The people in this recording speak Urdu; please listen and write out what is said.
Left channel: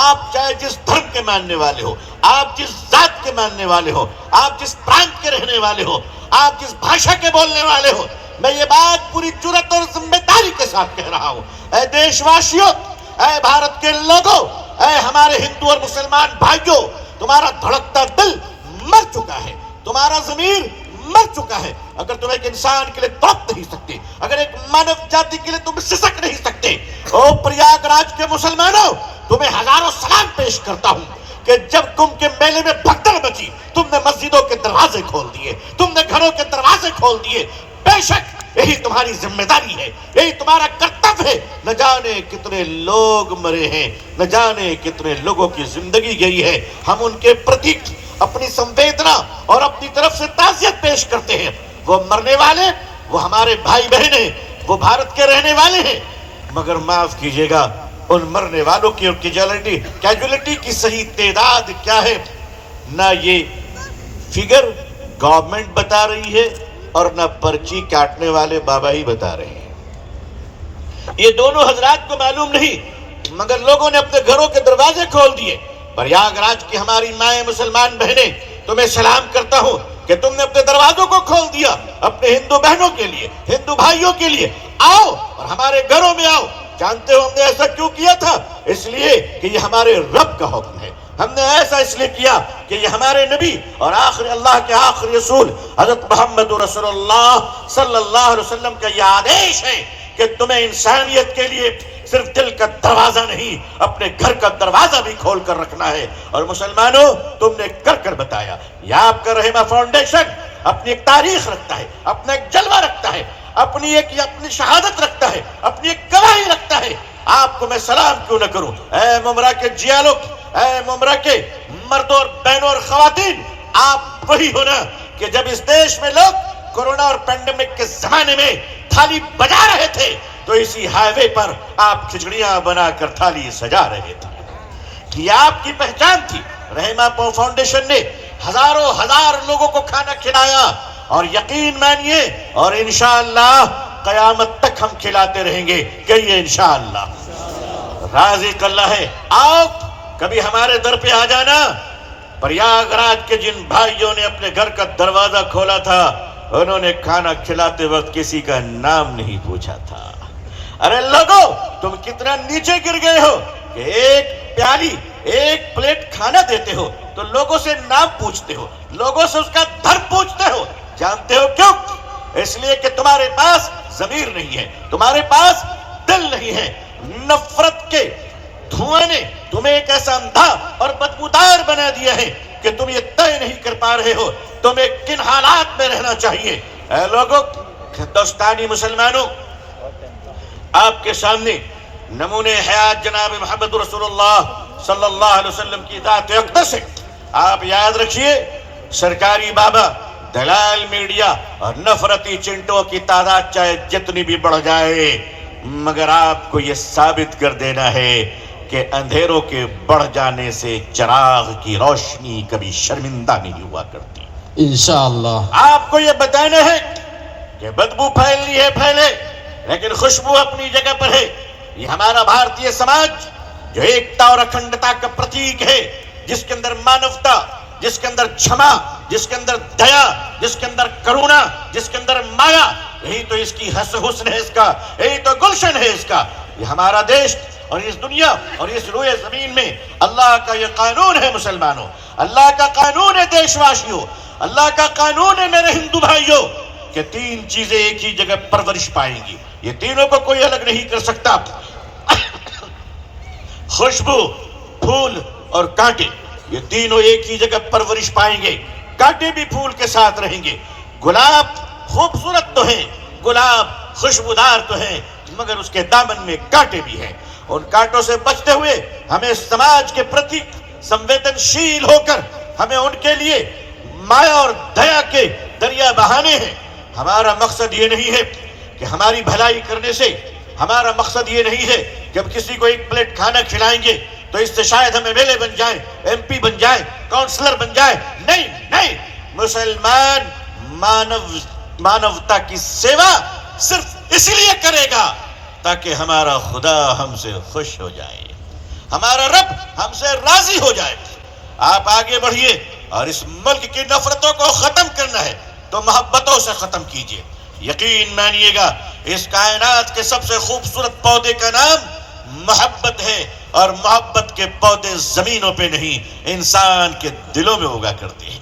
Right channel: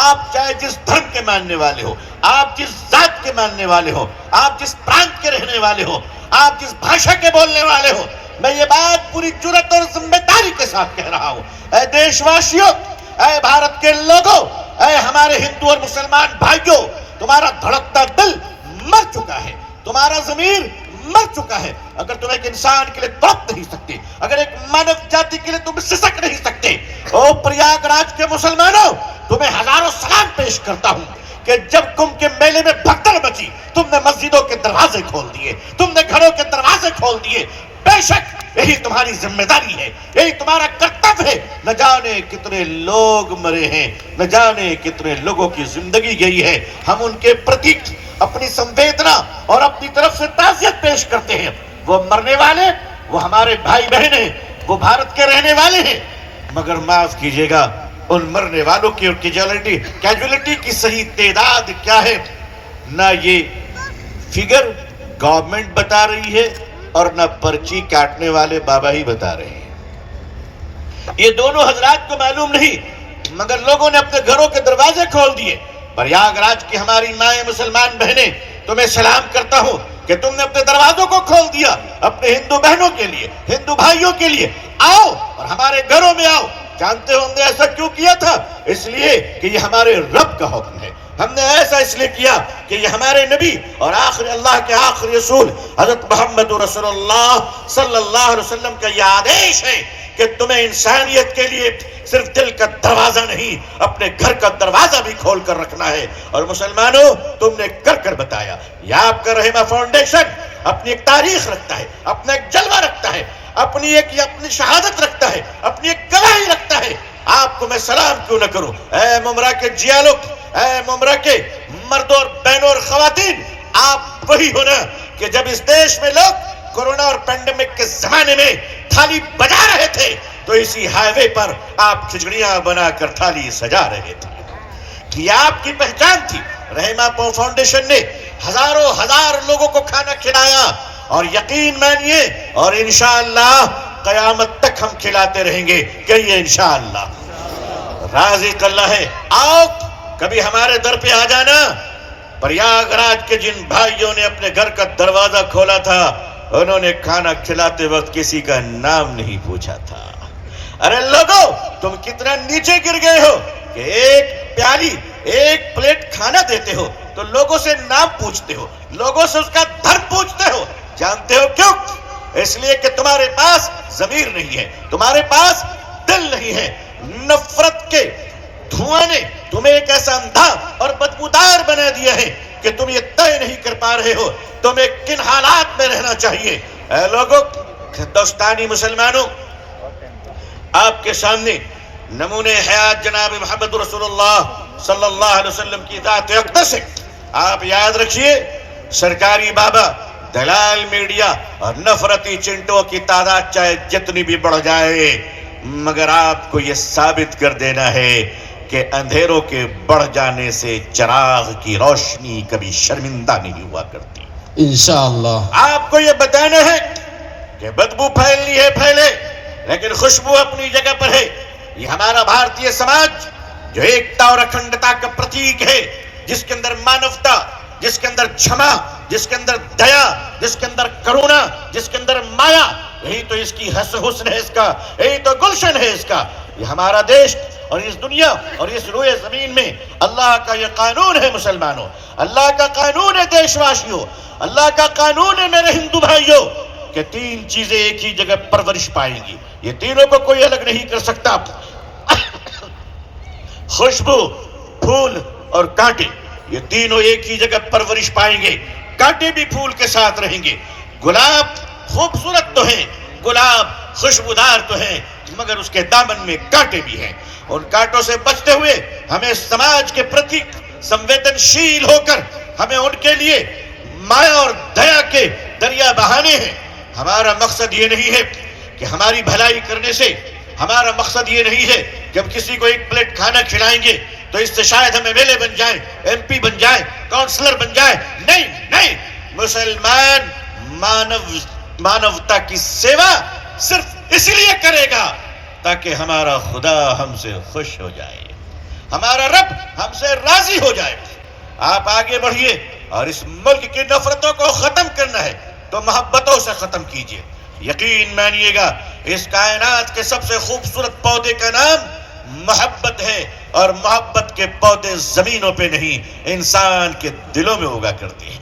آپ چاہے جس دھرم کے ماننے والے ہو، آپ جس ذات کے ماننے والے ہو، آپ جس پرانت کے رہنے والے ہو، آپ جس بھاشا کے بولنے والے ہو، میں یہ بات پوری جرات اور ذمہ داری کے ساتھ کہہ رہا ہوں، اے دیش واسیوں، اے بھارت کے لوگوں، اے ہمارے ہندو اور مسلمان بھائیوں، تمہارا دھڑکتا دل مر چکا ہے، تمہارا ضمیر مر چکا ہے۔ اگر تم ایک انسان کے لیے تڑپ نہیں سکتے، اگر ایک مانو جاتی کے لیے تم سسک نہیں سکتے، او پریاگ راج کے مسلمانوں، تمہیں ہزاروں سلام پیش کرتا ہوں کہ جب کمبھ کے میلے میں بھگدڑ مچی، تم نے مسجدوں کے دروازے کھول دیے، تم نے گھروں کے دروازے کھول دیے۔ بے شک یہی تمہاری ذمہ داری ہے، یہی تمہارا کرتب ہے۔ نہ جانے کتنے لوگ مرے ہیں، نہ جانے کتنے لوگوں کی زندگی گئی ہے، ہم ان کے پرتی اپنی سنویدنا اور اپنی طرف سے تعزیت پیش کرتے ہیں۔ وہ مرنے والے، وہ ہمارے بھائی بہن ہیں، وہ بھارت کے رہنے والے ہیں، مگر معاف کیجیے گا، ان مرنے والوں کی اور کیجولیٹی کی صحیح تعداد کیا ہے، نہ یہ فگر گورنمنٹ بتا رہی ہے اور نہ پرچی کاٹنے والے بابا ہی بتا رہے ہیں۔ یہ دونوں حضرات کو معلوم نہیں، مگر لوگوں نے اپنے گھروں کے دروازے کھول دیے۔ پریاگ راج کی ہماری مائیں مسلمان بہنیں، تمہیں سلام کرتا ہوں کہ تم نے اپنے دروازوں کو کھول دیا اپنے ہندو بہنوں کے لیے، ہندو بھائیوں کے لیے۔ آؤ اور ہمارے گھروں میں آؤ۔ جانتے ہو ہم نے ایسا کیوں کیا تھا؟ اس لیے کہ یہ ہمارے رب کا حکم ہے۔ ہم نے ایسا اس لیے کیا کہ یہ ہمارے نبی اور اللہ کے آخری رسول حضرت محمد رسول اللہ صلی اللہ علیہ وسلم کا یہ آدیش ہے کہ تمہیں انسانیت کے لیے صرف دل کا دروازہ نہیں، اپنے گھر کا دروازہ بھی کھول کر رکھنا ہے۔ اور مسلمانوں، تم نے کر بتایا۔ یہ آپ کا رحمہ فاؤنڈیشن اپنی ایک تاریخ رکھتا ہے، اپنا ایک جلوہ رکھتا ہے، اپنی شہادت رکھتا ہے، اپنی ایک گواہی رکھتا ہے۔ آپ کو میں سلام کیوں نہ کروں؟ اے ممرا کے جیالوک، اے ممرا کے مردوں اور بہنوں اور خواتین، آپ وہی ہونا کہ جب اس دیش میں لوگ کورونا اور پینڈیمک کے زمانے میں تھالی بجا رہے تھے تو اسی ہائی وے پر آپ کھچڑیاں بنا کر تھالی سجا رہے تھے۔ یہ آپ کی پہچان تھی۔ رحمہ فاؤنڈیشن نے ہزار لوگوں کو کھانا کھلایا، اور یقین مانیے اور انشاءاللہ قیامت تک ہم کھلاتے رہیں گے، کہیے انشاءاللہ۔ رازق اللہ ہے۔ آؤ کبھی ہمارے در پہ آ جانا۔ پریاگ راج کے جن بھائیوں نے اپنے گھر کا دروازہ کھولا تھا، انہوں نے کھانا کھلاتے وقت کسی کا نام نہیں پوچھا تھا۔ ارے لوگو، تم کتنا نیچے گر گئے ہو کہ ایک پلیٹ کھانا دیتے ہو تو لوگوں سے نام پوچھتے ہو، لوگوں سے اس کا دھرم پوچھتے ہو۔ جانتے ہو کیوں؟ اس لیے کہ تمہارے پاس ضمیر نہیں ہے، تمہارے پاس دل نہیں ہے۔ نفرت کے دھواں نے تمہیں ایک ایسا اندھا اور بدبودار بنا دیا ہے کہ تم یہ طے نہیں کر پا رہے ہو تمہیں کن حالات میں رہنا چاہیے۔ اے لوگوں، ہندوستانی مسلمانوں، آپ کے سامنے نمونے حیات جناب محمد رسول اللہ صلی اللہ علیہ وسلم کی ذات اقدس ہے۔ آپ یاد رکھیے، سرکاری بابا، دلال میڈیا اور نفرتی چنٹوں کی تعداد چاہے جتنی بھی بڑھ جائے، مگر آپ کو یہ ثابت کر دینا ہے کہ اندھیروں کے بڑھ جانے سے چراغ کی روشنی کبھی شرمندہ نہیں ہوا کرتی۔ انشاءاللہ آپ کو یہ بتانا ہے کہ بدبو پھیلنی ہے پھیلے، لیکن خوشبو اپنی جگہ پر ہے۔ یہ ہمارا بھارتی سماج جو ایکتا اور اکھنڈتا کا پرتیک ہے، جس کے اندر مانوتا، جس کے اندر چھما، جس کے اندر دیا، جس کے اندر کرونا، جس کے اندر مایا، یہی تو اس کی حسن ہے، اس کا یہی تو گلشن ہے اس کا۔ یہ ہمارا دیش اور اس دنیا اور اس روئے زمین میں اللہ کا یہ قانون ہے مسلمانوں، اللہ کا قانون ہے دیش واسیوں، اللہ کا قانون ہے میرے ہندو بھائیوں، کہ تین چیزیں ایک ہی جگہ پرورش پائیں گی۔ یہ تینوں کو کوئی الگ نہیں کر سکتا۔ خوشبو، پھول اور کانٹے، یہ تینوں ایک ہی جگہ پرورش پائیں گے۔ کانٹے بھی پھول کے ساتھ رہیں گے۔ گلاب خوبصورت تو ہیں، گلاب خوشبودار تو ہیں، مگر اس کے دامن میں کانٹے بھی ہیں۔ ان کانٹوں سے بچتے ہوئے ہمیں سماج کے پرتی سنویدنشیل ہو کر ہمیں ان کے لیے مایا اور دیا کے دریا بہانے ہیں۔ ہمارا مقصد یہ نہیں ہے کہ ہماری بھلائی کرنے سے، ہمارا مقصد یہ نہیں ہے کہ ہم کسی کو ایک پلیٹ کھانا کھلائیں گے تو اس سے شاید ہمیں ایم ایل اے بن جائیں، ایم پی بن جائیں، کاؤنسلر بن جائیں۔ نہیں، مسلمان مانوتا کی سیوا صرف اس لیے کرے گا تاکہ ہمارا خدا ہم سے خوش ہو جائے۔ ہمارا رب ہم سے راضی ہو جائے. آپ آگے بڑھیے اور اس ملک کی نفرتوں کو ختم کرنا ہے تو محبتوں سے ختم کیجیے. یقین مانیے گا اس کائنات کے سب سے خوبصورت پودے کا نام محبت ہے، اور محبت کے پودے زمینوں پہ نہیں انسان کے دلوں میں اگا کرتے ہیں.